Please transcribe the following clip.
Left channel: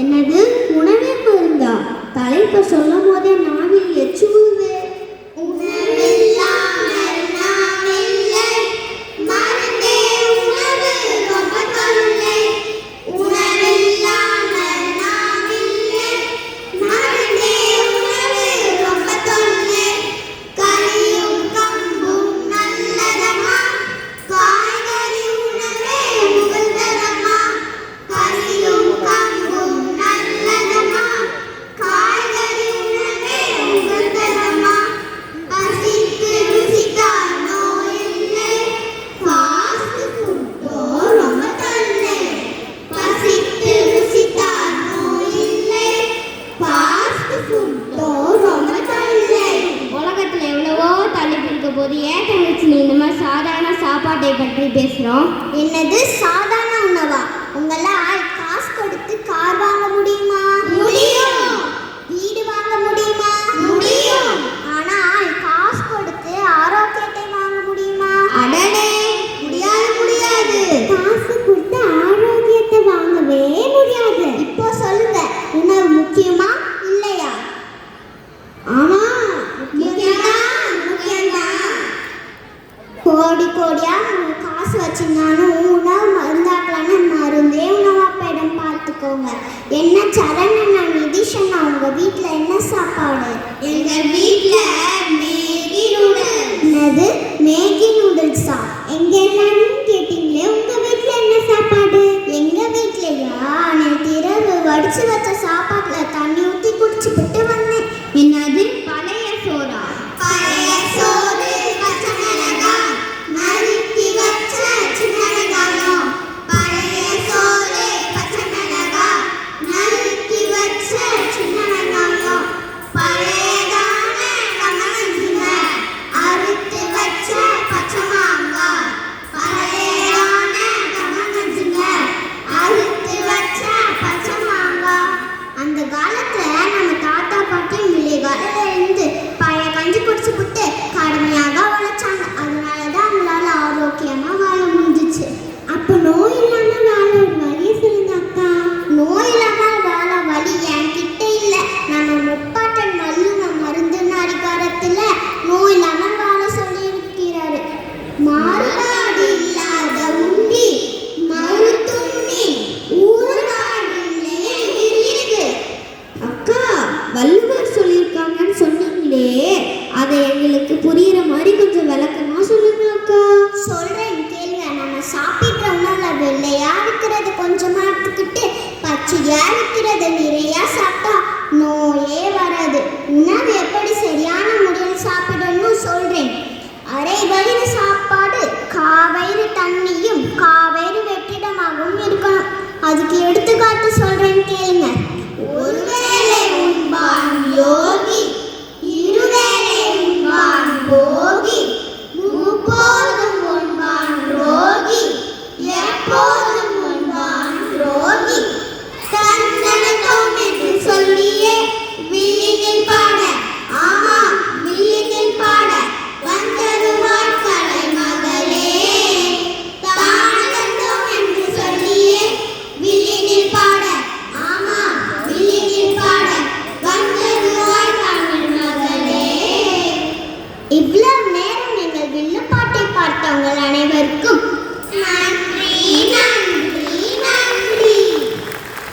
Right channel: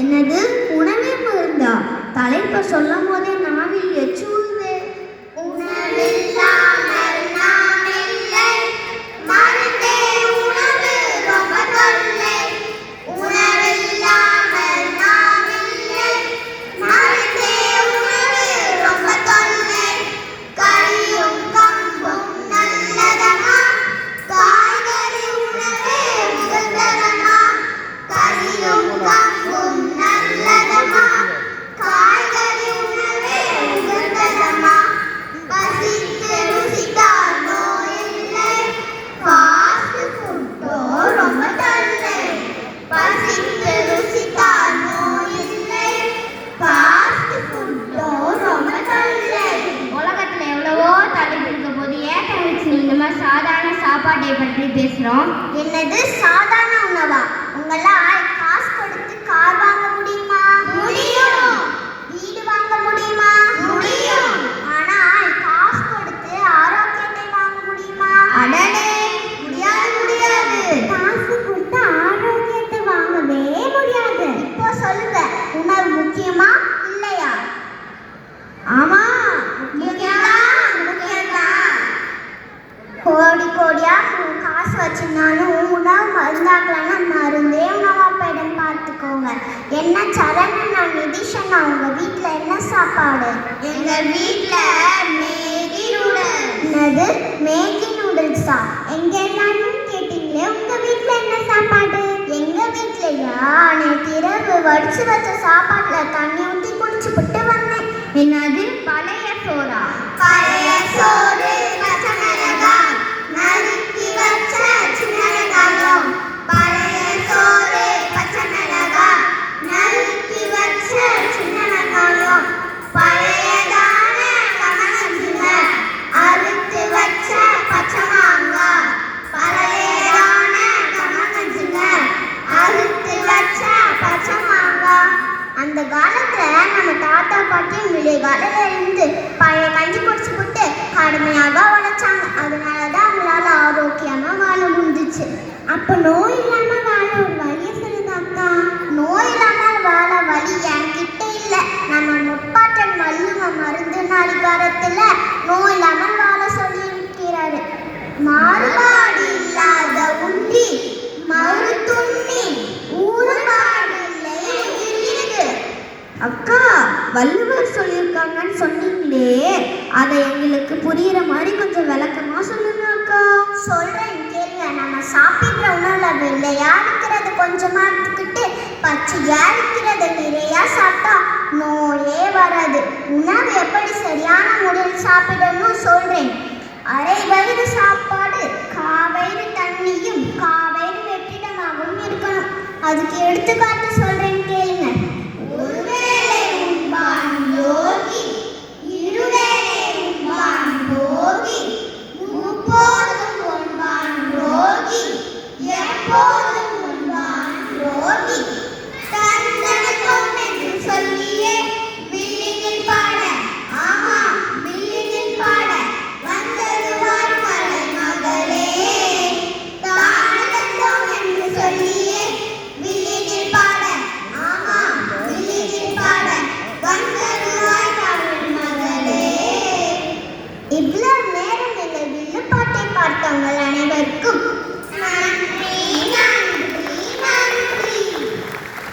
என்னது உணவே மருந்தா? தலைப்பு சொல்லும் போதே நாவில் எச்சுவுதே. பேசுறோம். என்னது சாதாரண உணவா? உங்களால் காசு கொடுத்து கார் வாங்க முடியுமா? முடியும். வீடு வாங்க முடியுமா? முடியும். ஆனால் காசு கொடுத்து ஆரோக்கியத்தை வாங்க முடியுமா? அடடே, முடியாது முடியாது. காசு கொடுத்து ஆரோக்கியத்தை வாங்கவே முடியாது. இப்போ சொல்லுங்க, உணவு முக்கியமா இல்லையா? ஆமா, முக்கியம்தான். கோடி கோடியா காசு வச்சுருந்தாலும் உணவு மருந்தாக்கலான்னு மருந்தே உணவா போயிடும். பார்த்துக்கோங்க. என்ன சரணா நிதிஷனா, உங்க வீட்டில் என்ன சாப்பாடு? எங்கள் வீட்டில் மேகி நூடுல்ஸ். என்னது மேகி நூடுல்ஸா? எங்க எல்லாரும் கேட்டீங்களே, உங்க வீட்டில் என்ன சாப்பாடு? எங்க வீட்லையா நேற்று இரவு வடிச்சு வச்ச சாப்பாட்டில் தண்ணி ஊற்றி குடிச்சு விட்டு வந்தேன். என்னது பழைய சோறா? பழைய சோறு வள்ளுவர் சொல்லியிருக்காங்கன்னு சொன்னீங்களே, அதை எங்களுக்கு புரியுற மாதிரி கொஞ்சம் விளக்கமா சொல்லுங்க அக்கா. சொல்றேன் கேளுங்க. நம்ம சாப்பிட்ற உணவுல வெள்ளையா இருக்கிறது கொஞ்சமா எடுத்துக்கிட்டு பச்சையா இருக்கிறத நிறையா சாப்பிட்டா நோயே வராது. உணவு எப்படி சரியான முறையில் சாப்பிடணும்னு சொல்றேன். அரை வயிறு சாப்பாடு, காவயிறு தண்ணியும் காவயிறு வெற்றிடமாகவும் இருக்கணும். அதுக்கு எடுத்து